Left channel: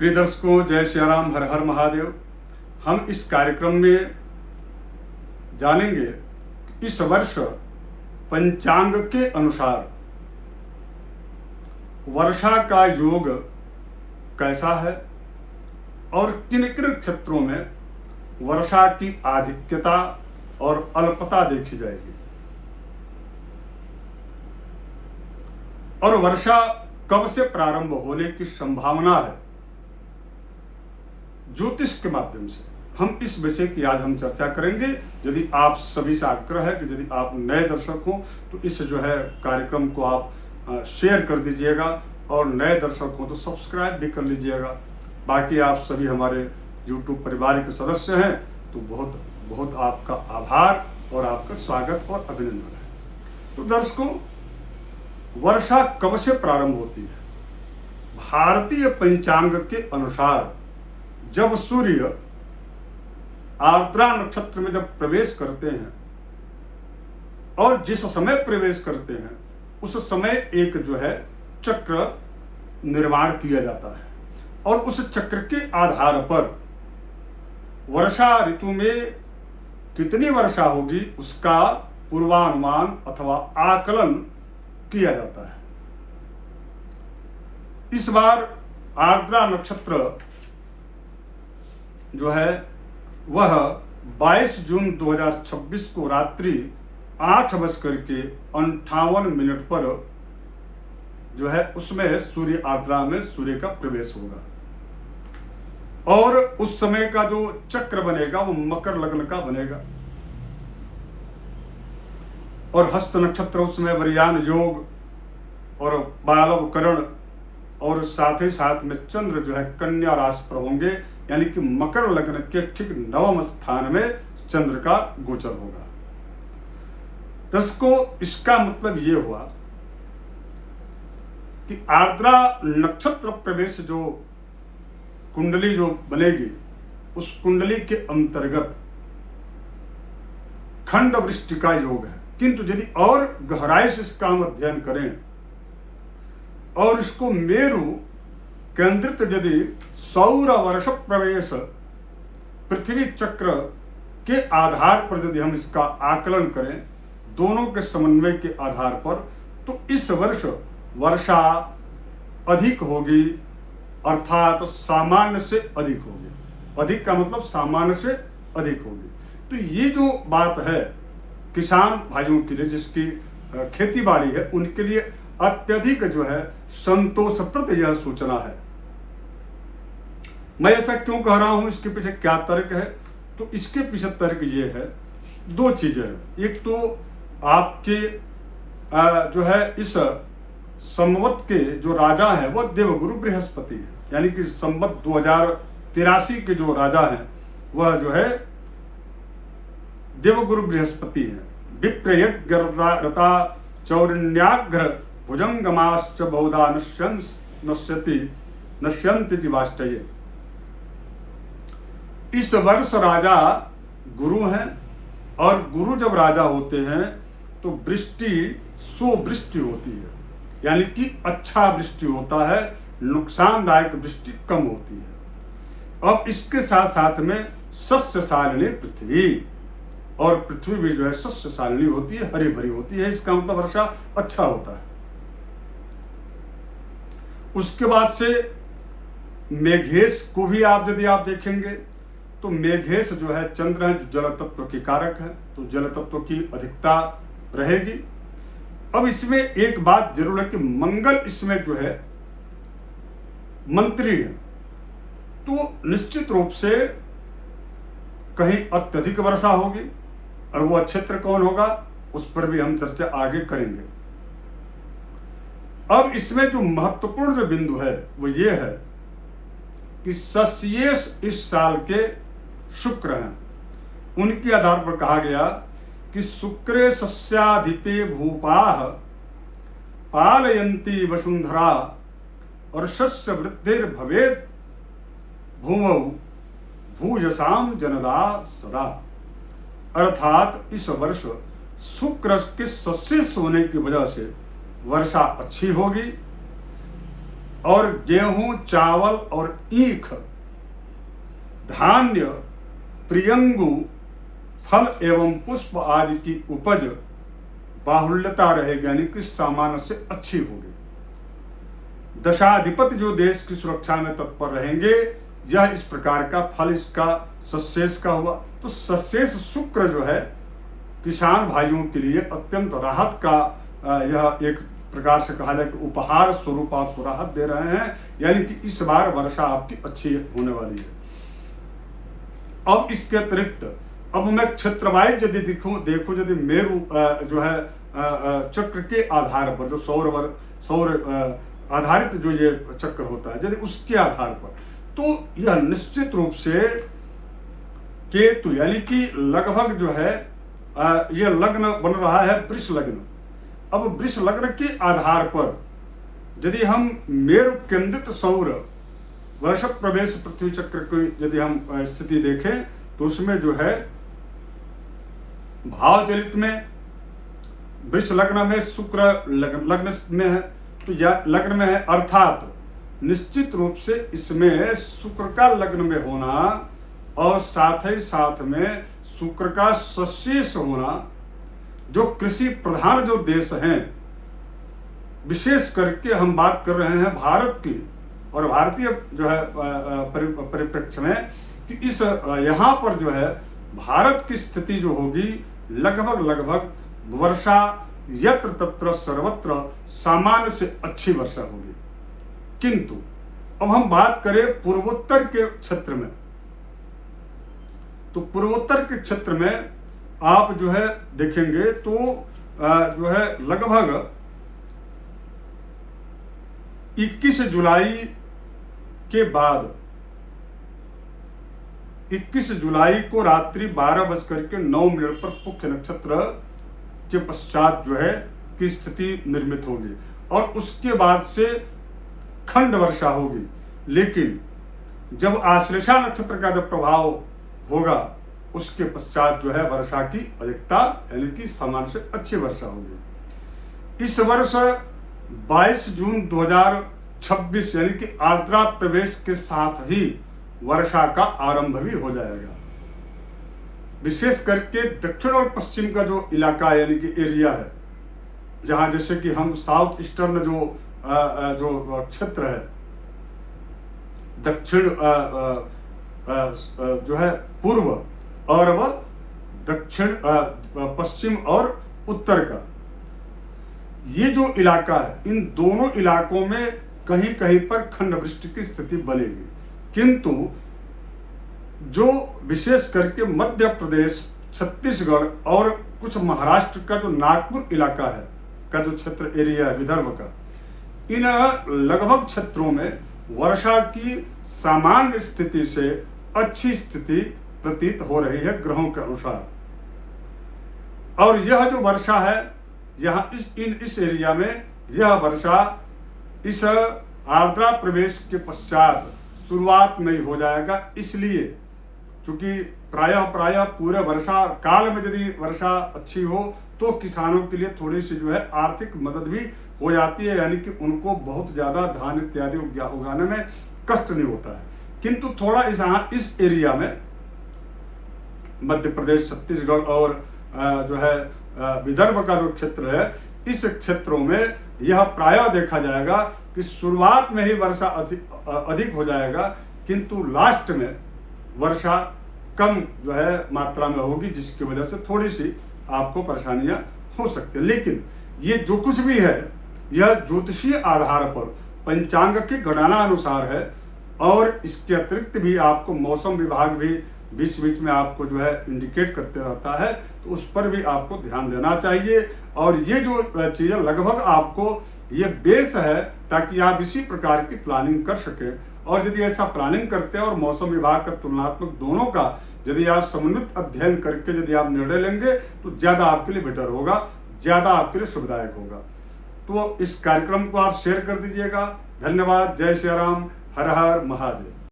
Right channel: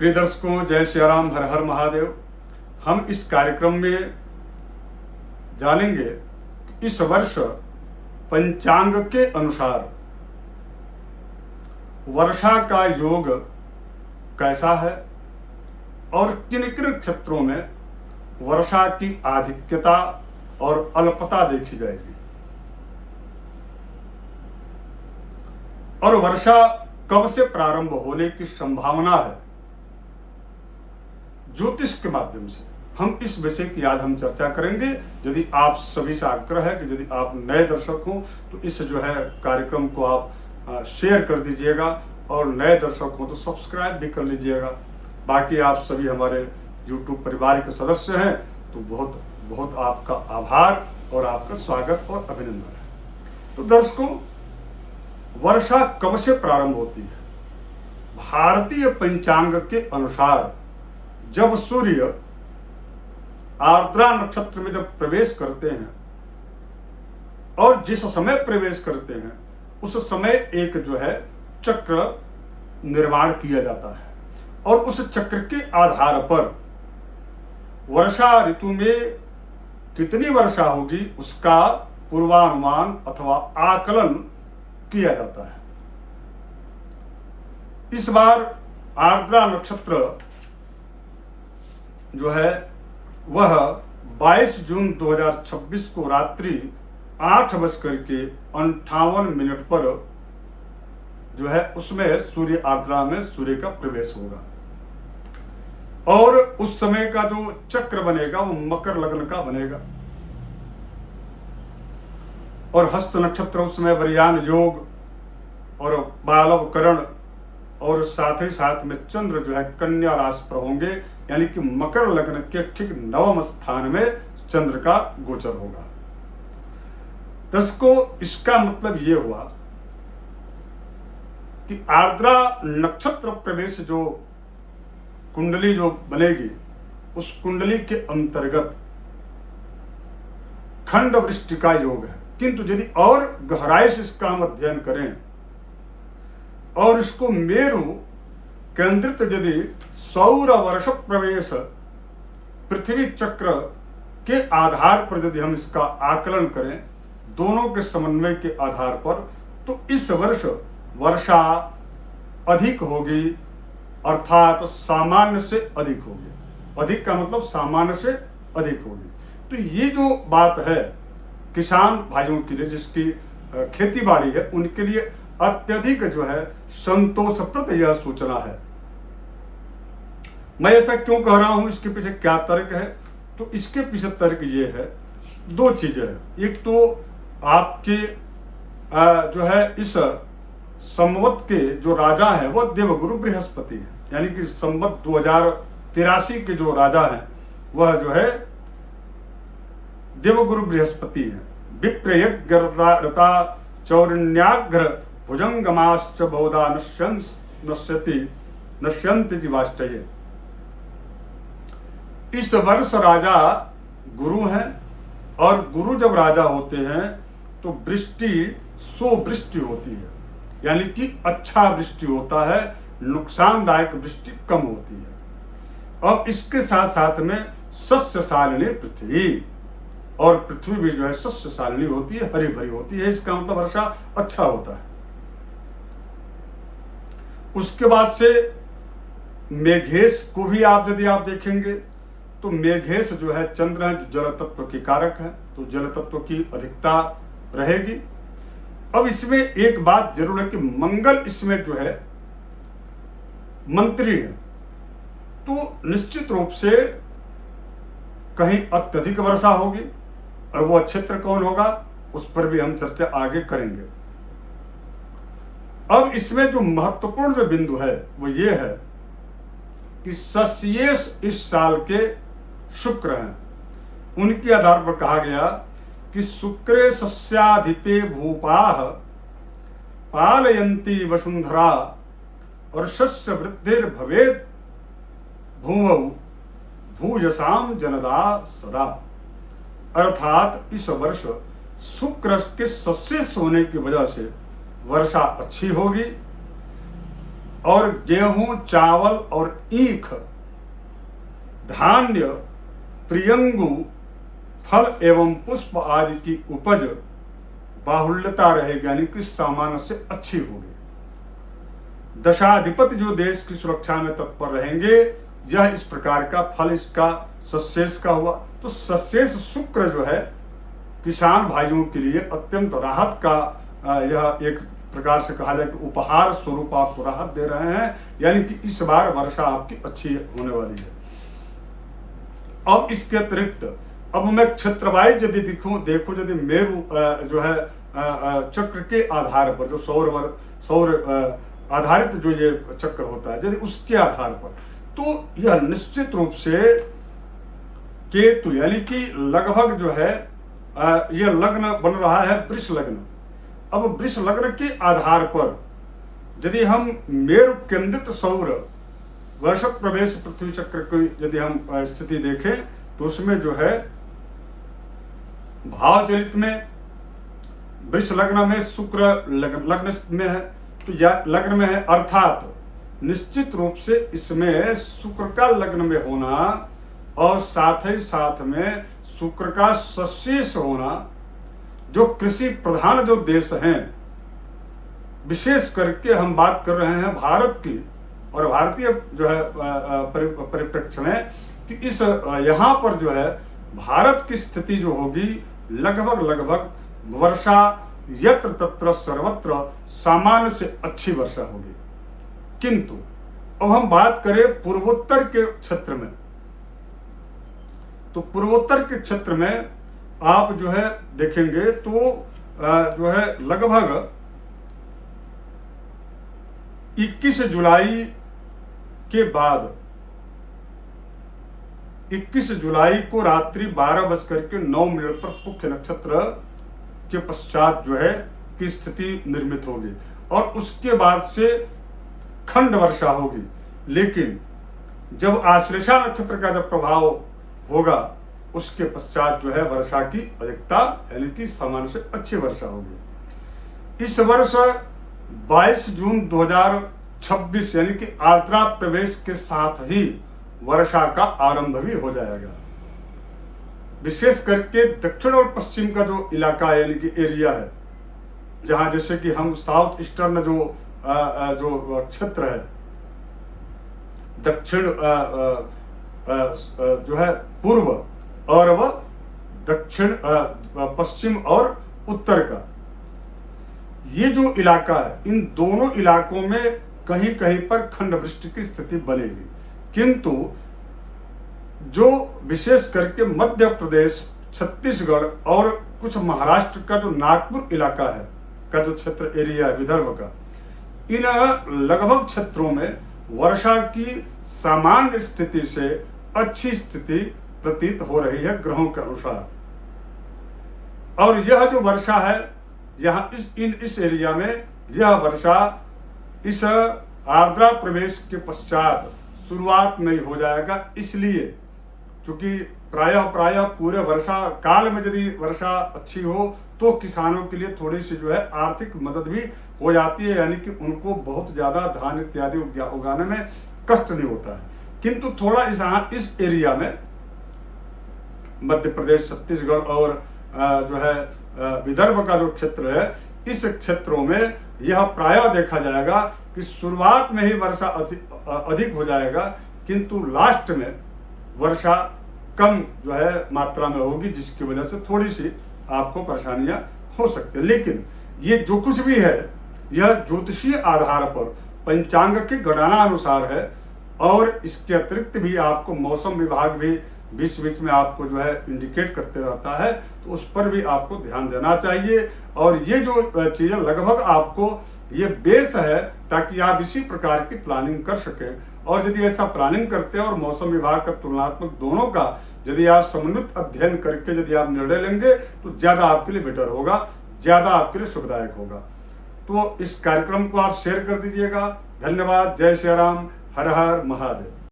प्रिय दर्शकों, जय श्री राम, हर हर महादेव। हम इस कार्यक्रम में जानेंगे कि इस वर्ष पंचांग के अनुसार वर्षा का योग कैसा है और किन किन क्षेत्रों में वर्षा की आधिक्यता और अल्पता देखी जाएगी, और वर्षा कब से प्रारंभ होने की संभावना है। ज्योतिष के माध्यम से हम इस विषय की आज हम चर्चा करेंगे। यदि आप सभी से आग्रह है कि यदि आप नए दर्शक हो तो इस कार्यक्रम को आप शेयर कर दीजिएगा, और नए दर्शक हो तो सब्सक्राइब भी कर लीजिएगा। बाकी आप सभी हमारे YouTube परिवार के सदस्य हैं तो बहुत बहुत आपका आभार और आपका स्वागत और अभिनंदन है। तो दर्शकों, वर्षा कब से प्रारंभ होती है? भारतीय पंचांग के अनुसार जब सूर्य आर्द्रा नक्षत्र में जब प्रवेश करते हैं और जिस समय प्रवेश करते हैं उस समय एक चक्र निर्माण किया जाता है, और उस चक्र के आधार पर वर्षा ऋतु में कितनी वर्षा होगी उसका पूर्वानुमान अथवा आकलन किया जाता है। इस बार आर्द्रा नक्षत्र वह 22 जून 2026 को रात्रि 8:58 पर उसमें सूर्य आर्द्रा में सूर्य का प्रवेश होगा, और उस समय का जो चक्र बनेगा वो मकर लग्न का बनेगा, और हस्त नक्षत्र उसमें वरियान योग और बालव करण, और साथ ही साथ में चंद्र कन्या राशि पर होंगे, यानी कि मकर लग्न के ठीक 9वें स्थान में चंद्र का गोचर होगा। दर्शकों, इसका मतलब ये हुआ कि आर्द्रा नक्षत्र प्रवेश जो कुंडली जो बनेगी उस कुंडली के अंतर्गत खंड वृष्टि का योग है। किंतु यदि और गहराई से इसका हम अध्ययन करें और इसको मेरु केंद्रित यदि सौर वर्ष प्रवेश पृथ्वी चक्र के आधार पर यदि हम इसका आकलन करें, दोनों के समन्वय के आधार पर, तो इस वर्ष वर्षा अधिक होगी, अर्थात सामान्य से अधिक होगी। अधिक का मतलब सामान्य से अधिक होगी। तो ये जो बात है किसान भाइयों के लिए, जिसकी खेती बाड़ी है, उनके लिए अत्यधिक संतोषप्रद यह सूचना है। मैं ऐसा क्यों कह रहा हूं, इसके पीछे क्या तर्क है? तो इसके पीछे तर्क ये है, दो चीजें हैं। एक तो आपके इस संवत के जो राजा हैं वो देवगुरु बृहस्पति हैं, यानी कि संवत 2083 के जो राजा हैं वह देवगुरु बृहस्पति हैं। विप्रयज्ञ रता चौरण्याघ्र भुजंगमाश्च बहुधा नश्यन्ति जीवाष्टये। इस वर्ष राजा गुरु हैं, और गुरु जब राजा होते हैं तो वृष्टि सुवृष्टि होती है, यानी कि अच्छा वृष्टि होता है, नुकसानदायक वृष्टि कम होती है। अब इसके साथ साथ में सस्यशालिनी पृथ्वी, और पृथ्वी भी सस्यशालिनी होती है, हरी भरी होती है। इसका मतलब वर्षा अच्छा होता है। उसके बाद से मेघेश को भी यदि आप देखेंगे तो मेघेश चंद्र है, जो जल तत्व के कारक है, तो जल तत्व की अधिकता रहेगी। अब इसमें एक बात जरूर है कि मंगल इसमें मंत्री है, तो निश्चित रूप से कहीं अत्यधिक वर्षा होगी, और वो क्षेत्र कौन होगा उस पर भी हम चर्चा आगे करेंगे। अब इसमें जो महत्वपूर्ण जो बिंदु है वो ये है कि सस्येश इस साल के शुक्र हैं। उनके आधार पर कहा गया कि शुक्रे सस्याधिपे भूपाः पालयन्ति वसुंधरा, और सस्य वृद्धिर भवेत् भूमौ भूयसाम जनदा सदा। अर्थात इस वर्ष शुक्र के सस्येश होने की वजह से वर्षा अच्छी होगी, और गेहूं, चावल और ईख, धान्य, प्रियंगु, फल एवं पुष्प आदि की उपज बाहुल्यता रहेगी, यानी कि सामान्य से अच्छी होगी। दशाधिपति जो देश की सुरक्षा में तत्पर रहेंगे, यह इस प्रकार का फल इसका सशेष का हुआ। तो सशेष शुक्र जो है किसान भाइयों के लिए अत्यंत राहत का यह एक प्रकार से कहा जाए कि उपहार स्वरूप आपको राहत दे रहे हैं, यानी कि इस बार वर्षा आपकी अच्छी होने वाली है। अब इसके अतिरिक्त अब मैं क्षेत्र वाइज यदि देखो यदि मेरु जो है चक्र के आधार पर, जो सौर आधारित जो ये चक्र होता है, यदि उसके आधार पर, तो यह निश्चित रूप से केतु यानी कि लगभग जो है यह लग्न बन रहा है वृष लग्न। अब वृष लग्न के आधार पर यदि हम मेरु केंद्रित सौर वर्ष प्रवेश पृथ्वी चक्र की यदि हम स्थिति देखें, तो उसमें जो है भाव चलित में वृष लग्न में शुक्र लग्न में है, तो यह लग्न में है, अर्थात निश्चित रूप से इसमें शुक्र का लग्न में होना और साथ ही साथ में शुक्र का सशेष होना, जो कृषि प्रधान जो देश हैं, विशेष करके हम बात कर रहे हैं भारत की और भारतीय जो है परिप्रेक्ष्य में, कि इस यहाँ पर जो है भारत की स्थिति जो होगी लगभग वर्षा यत्र तत्र सर्वत्र सामान्य से अच्छी वर्षा होगी। किंतु अब हम बात करें पूर्वोत्तर के क्षेत्र में, तो पूर्वोत्तर के क्षेत्र में आप जो है देखेंगे तो जो है लगभग 21 जुलाई के बाद 21 जुलाई को रात्रि 12:09 पर पुख्य नक्षत्र के पश्चात जो है की स्थिति निर्मित होगी और उसके बाद से खंड वर्षा होगी। लेकिन जब आश्लेषा नक्षत्र का जब प्रभाव होगा, उसके पश्चात जो है वर्षा की अधिकता यानी कि सामान्य से अच्छी वर्षा होगी। इस वर्ष 22 जून 2026 यानी कि आर्द्रा प्रवेश के साथ ही वर्षा का आरंभ भी हो जाएगा। विशेष करके दक्षिण और पश्चिम का जो इलाका यानी कि एरिया है, जहां जैसे कि हम साउथ ईस्टर्न जो क्षेत्र है, दक्षिण जो है पूर्व और वह दक्षिण पश्चिम और उत्तर का, ये जो इलाका है, इन दोनों इलाकों में कहीं कहीं पर खंड वृष्टि की स्थिति बनेगी। किंतु जो विशेष करके मध्य प्रदेश, छत्तीसगढ़ और कुछ महाराष्ट्र का जो नागपुर इलाका है का जो क्षेत्र एरिया है विदर्भ का, इन लगभग क्षेत्रों में वर्षा की सामान्य स्थिति से अच्छी स्थिति प्रतीत हो रही है ग्रहों के अनुसार। और यह जो वर्षा है यहाँ इस एरिया में, यह वर्षा इस आर्द्रा प्रवेश के पश्चात शुरुआत में ही हो जाएगा। इसलिए चूंकि प्रायः पूरे वर्षा काल में यदि वर्षा अच्छी हो तो किसानों के लिए थोड़ी सी जो है आर्थिक मदद भी हो जाती है, यानी कि उनको बहुत ज़्यादा धान इत्यादि उगाने में कष्ट नहीं होता है। किंतु थोड़ा इस एरिया में मध्य प्रदेश, छत्तीसगढ़ और जो है विदर्भ का जो क्षेत्र है, इस क्षेत्रों में यह प्रायः देखा जाएगा कि शुरुआत में ही वर्षा अधिक हो जाएगा, किंतु लास्ट में वर्षा कम जो है मात्रा में होगी, जिसकी वजह से थोड़ी सी आपको परेशानियां हो सकती है। लेकिन ये जो कुछ भी है यह ज्योतिषीय आधार पर पंचांग के गणना अनुसार है, और इसके अतिरिक्त भी आपको मौसम विभाग भी बीच बीच में आपको जो है इंडिकेट करते रहता है, तो उस पर भी आपको ध्यान देना चाहिए। और ये जो चीज़ें लगभग आपको ये बेस है ताकि आप इसी प्रकार की प्लानिंग कर सकें। और यदि ऐसा प्लानिंग करते हैं और मौसम विभाग का तुलनात्मक दोनों का यदि आप समन्वित अध्ययन करके यदि आप निर्णय लेंगे तो ज़्यादा आपके लिए बेटर होगा, ज़्यादा आपके लिए शुभदायक होगा। तो इस कार्यक्रम को आप शेयर कर दीजिएगा। धन्यवाद। जय श्री राम। हर हर महादेव।